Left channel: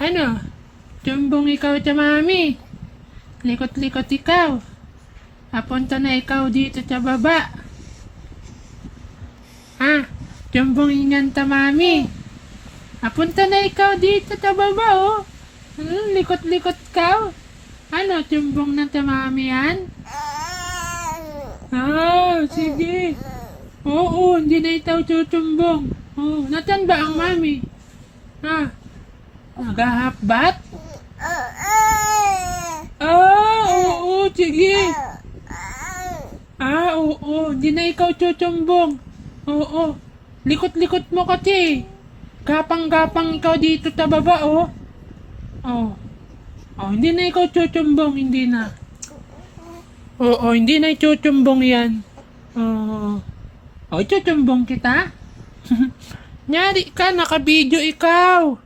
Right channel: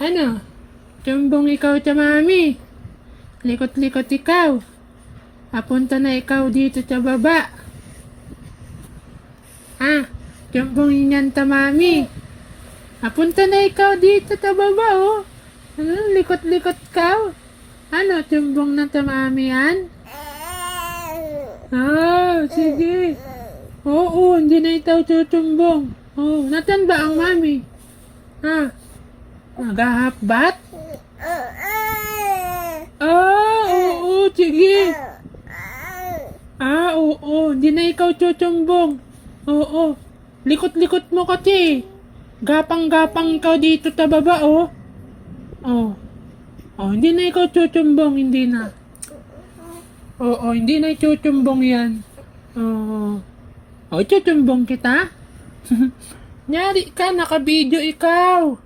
Ano? Tumbong ikaw sa mami. Likot-likot ikaw. Papunta na ikaw dito sa baba. Tumbong inyan ta mami. Papunta na ikaw dito sa baba, oh. Likot-likot ka. Ano, tumbong na ta mami yan? Sige. Oo, hindi na itaw tutumbong. Natan ba ang mami? Magahapbat? Oo, sige. Oo, hindi na ikaw tutumbong. Oo, likot-likot mo kasi. Gapang-gapang ikaw dito sa baba, oh. Hindi na ikaw tutumbong, hindi na. Oo, hindi na itutumbong yan. Tutumbong kita? Nyari ka, naka-video ikaw.